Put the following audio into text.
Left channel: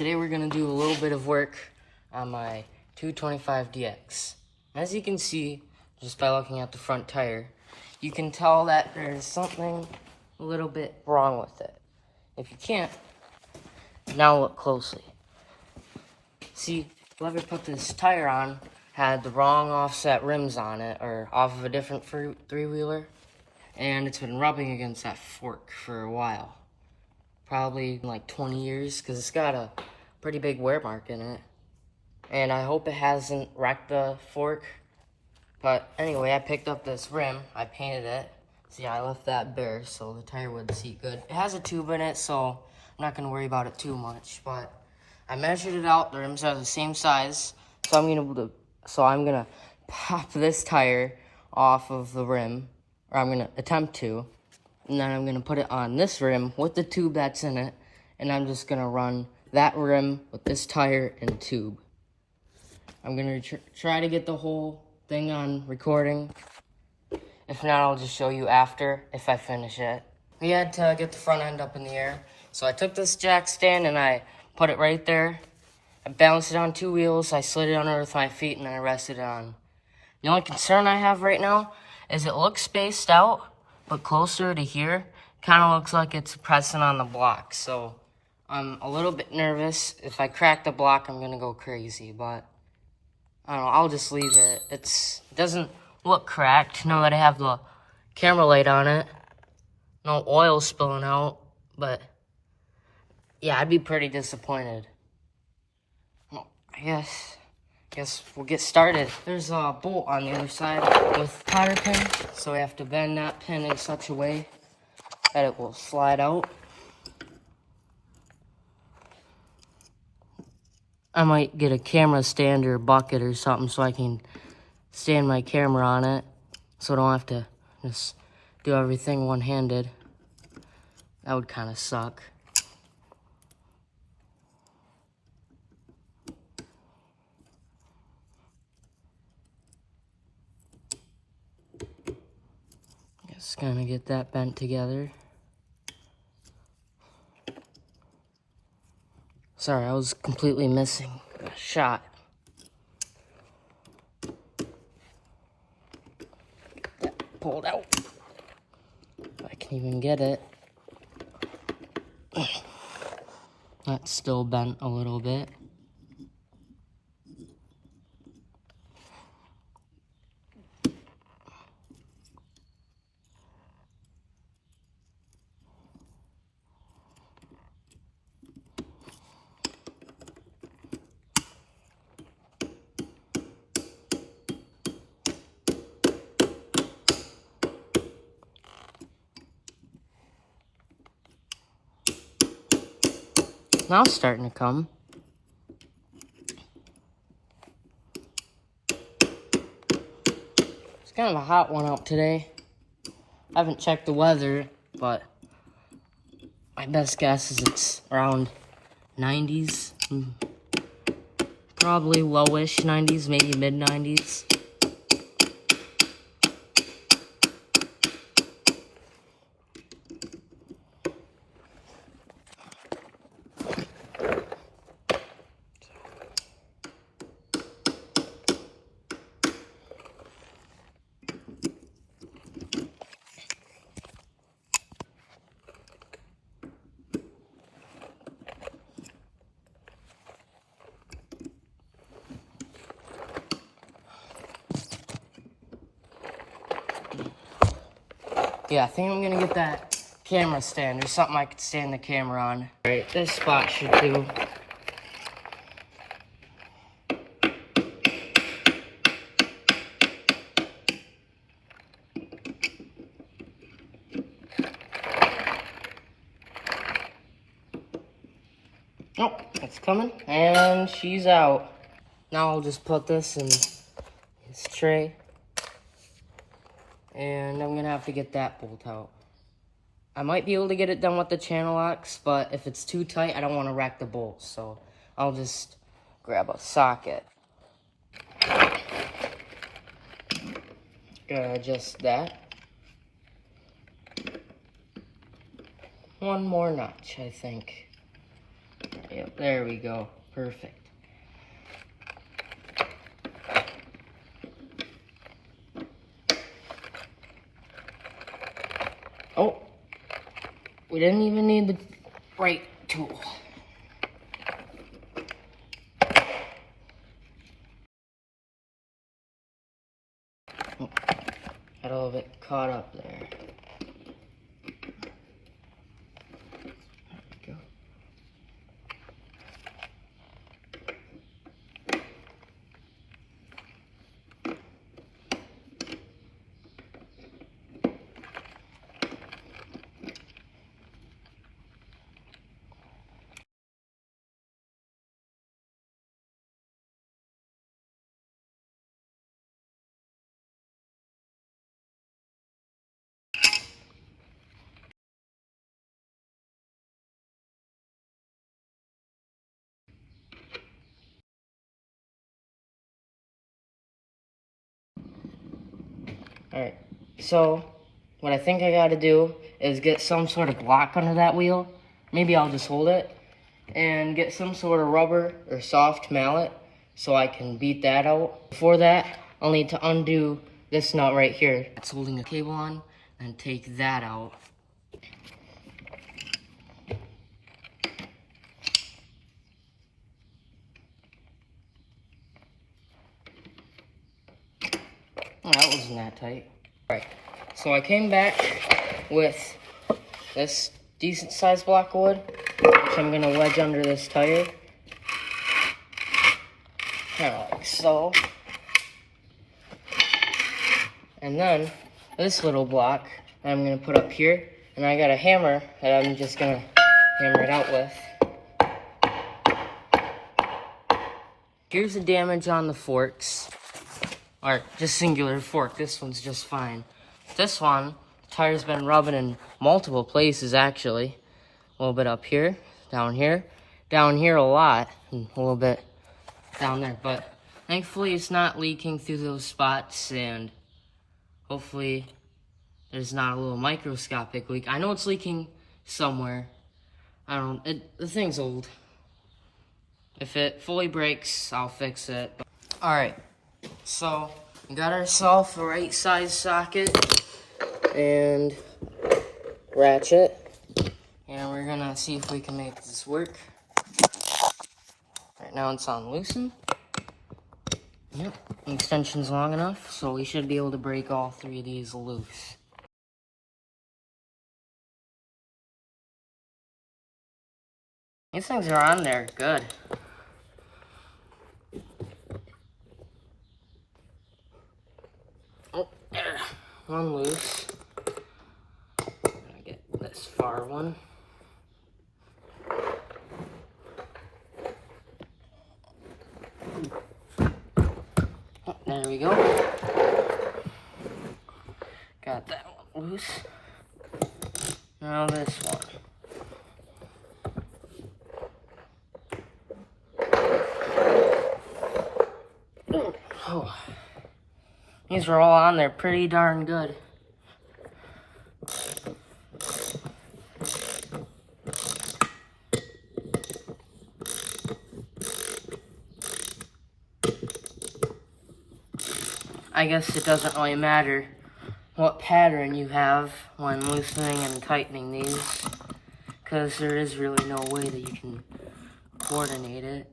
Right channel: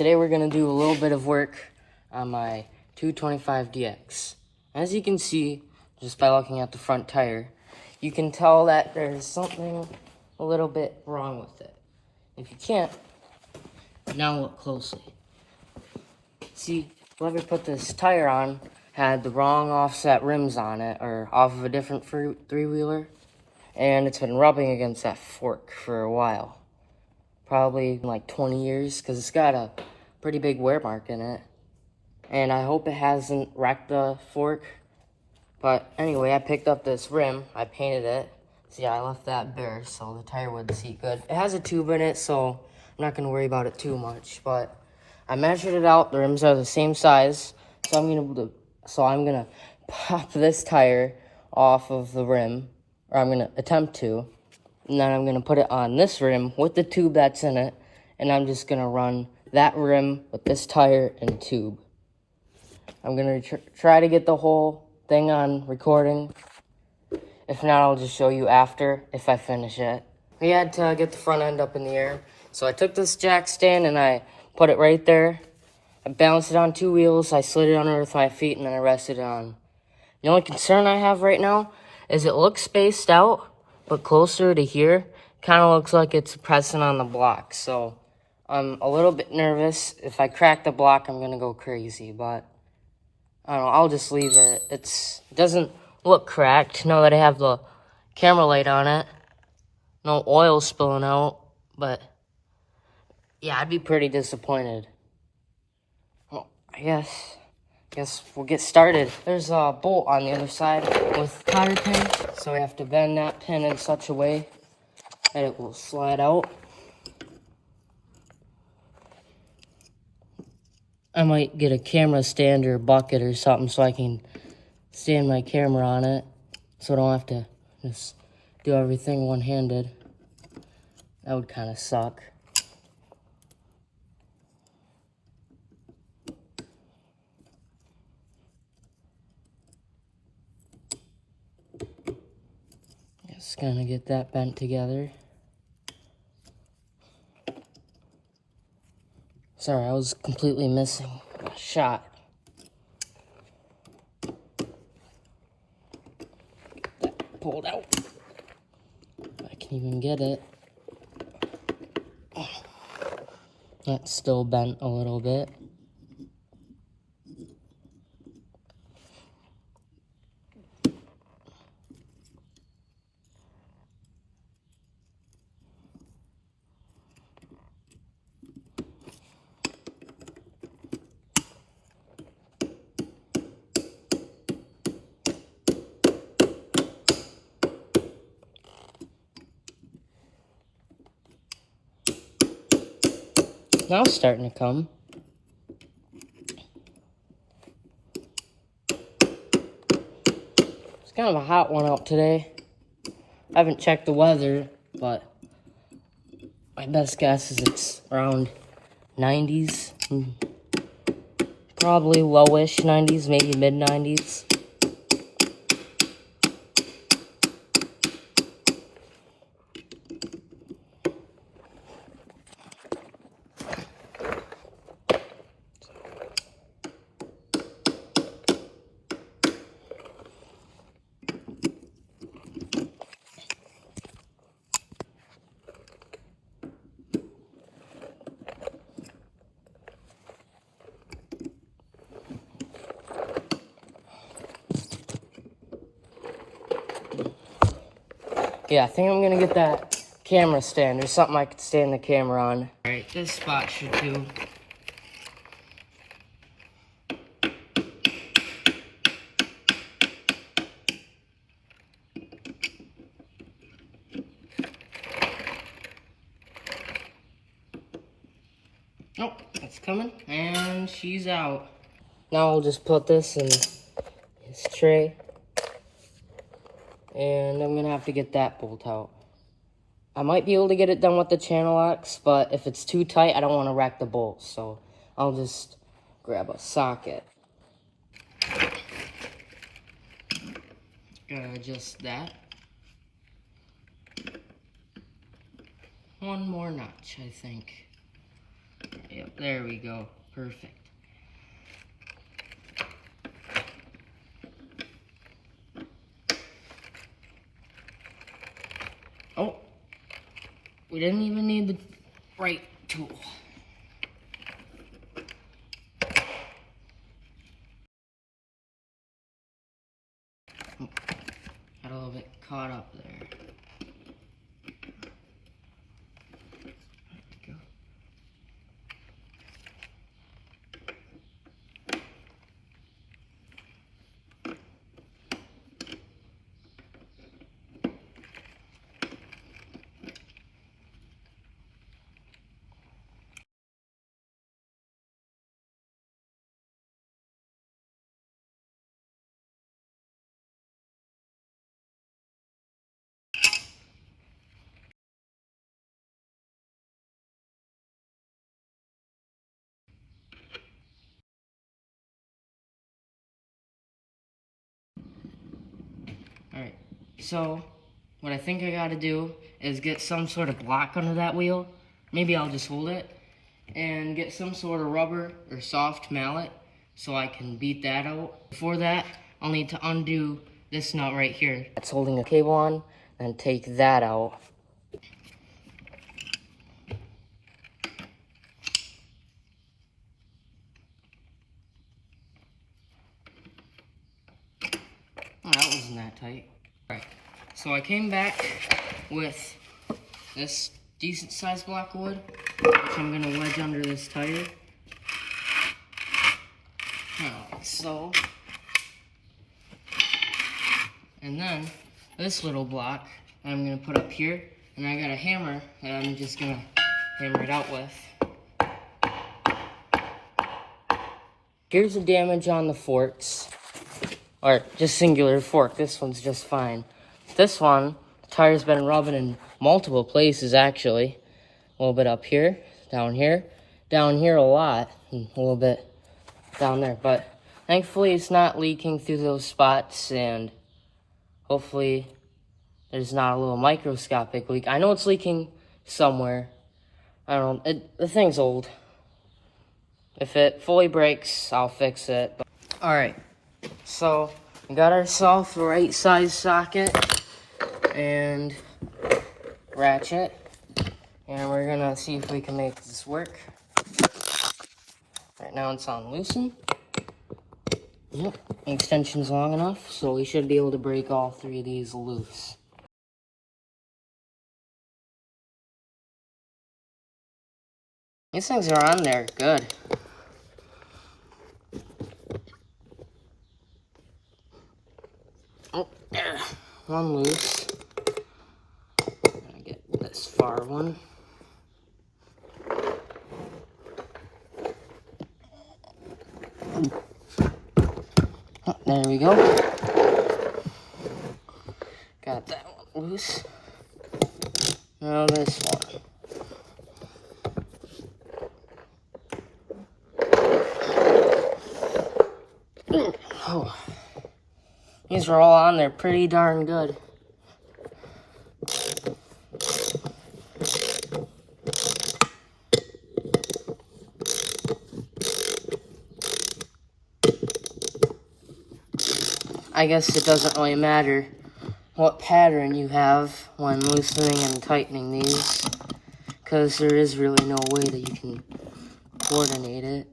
Today we're going to do a little bit of work on my 225DX. As you can see, just by looking at the front tire, you can tell that there's something a little bit wrong with it. If you can't, now look closely. See, whoever put this tire on had the wrong offset rims on it, or off of a different three-wheeler, and it's been rubbing against that fork for a while. Probably like 20 years, because it's got a pretty big wear mark in it. And I hope it hasn't wrecked the fork. But anyway, I picked up this rim, I painted it. See, I left that bare so the tire would seat good. It has a tube in it, so I'm not gonna worry about it too much. But I measured it out, the rims are the same size. So I'm gonna pop this tire off of the rim, or I'm gonna attempt to. And then I'm gonna put it on this rim with the tube that's in it. And I'm just gonna run that rim with this tire and tube. I'm gonna try to get the whole thing on recording. If not, I'll just show you after if I finish it. I had to get the front end up in the air. So I took this jack stand and I put it right there. I balanced it on 2 wheels. I slid it under with my feet and then I rested it on. The only concern I have right now is it looks spaced out. But closer to here, kind of looks like it's pressing on the block. So I'm a little bit nervous. If I crack the block, I'm going to go crazy. But I don't know, I'll just leave it. It doesn't look cracked. Now that I have the camera light on it. No oil spilling out. But yeah, I'd be pretty disappointed. Well, I guess we'll get started. There's a bolt on the other side with cotter pin, so we have to bend that pin in such a way that it will slide out. I might get a camera stand or bucket or something so I can stand my camera on it, so I don't have to just do everything one-handed. That would kind of suck. Just gonna get that bent together. Sorry, I was completely missing a shot. Get that pulled out. If I can even get it. That's still bent a little bit. Now it's starting to come. It's kind of a hot one out today. I haven't checked the weather, but my best guess is it's around 90s. Probably lowish 90s, maybe mid 90s. Yeah, I think I'm gonna get that camera stand. There's something I could stand the camera on. Alright, this spot should do. Oh, it's coming, and she's out. Now I'll just put this in this tray. And I'm gonna have to get that bolt out. I might be able to get it done with the channel locks, but if it's too tight, I don't want to wreck the bolts. So I'll just grab a socket. Gonna adjust that. One more notch, I think. Yep, there we go. Perfect. Oh, we didn't even need the right tool. Oh, got a little bit caught up there. Alright, so what I think I gotta do is get some sort of block under that wheel. Maybe I'll just hold it. And get some sort of rubber or soft mallet so I can beat that out. Before that, I'll need to undo this nut right here that's holding the cable on and take that out. Oh, that wasn't that tight. Alright, so I came back with this decent sized block of wood, which I'm gonna wedge under this tire. Like so. And then this little block I'm gonna put up here, and I got a hammer that I'm just gonna hammer it out with. Here's the damage on the forks. Or just singular fork. This one's just fine. This one, the tire's been rubbing in multiple places actually. A little bit up here, down here a lot, and a little bit down there. But thankfully it's not leaking through those spots, and hopefully there's not a little microscopic leak. I know it's leaking somewhere. I don't know, the thing's old. If it fully breaks, I'll fix it. Alright. So, we got ourselves the right size socket and ratchet, and we're gonna see if we can make this work. Right now it's on loosen. Yep, the extension's long enough, so we should be able to break all three of these loose. These things are on there good. Oh, there. One loose. I'm gonna get this far one. Oh, there we go. Got that one loose. Now this one. Oh. These are all on there pretty darn good. I guess it doesn't really matter what pattern you have when loosening and tightening these, because there is really no way that you can coordinate it.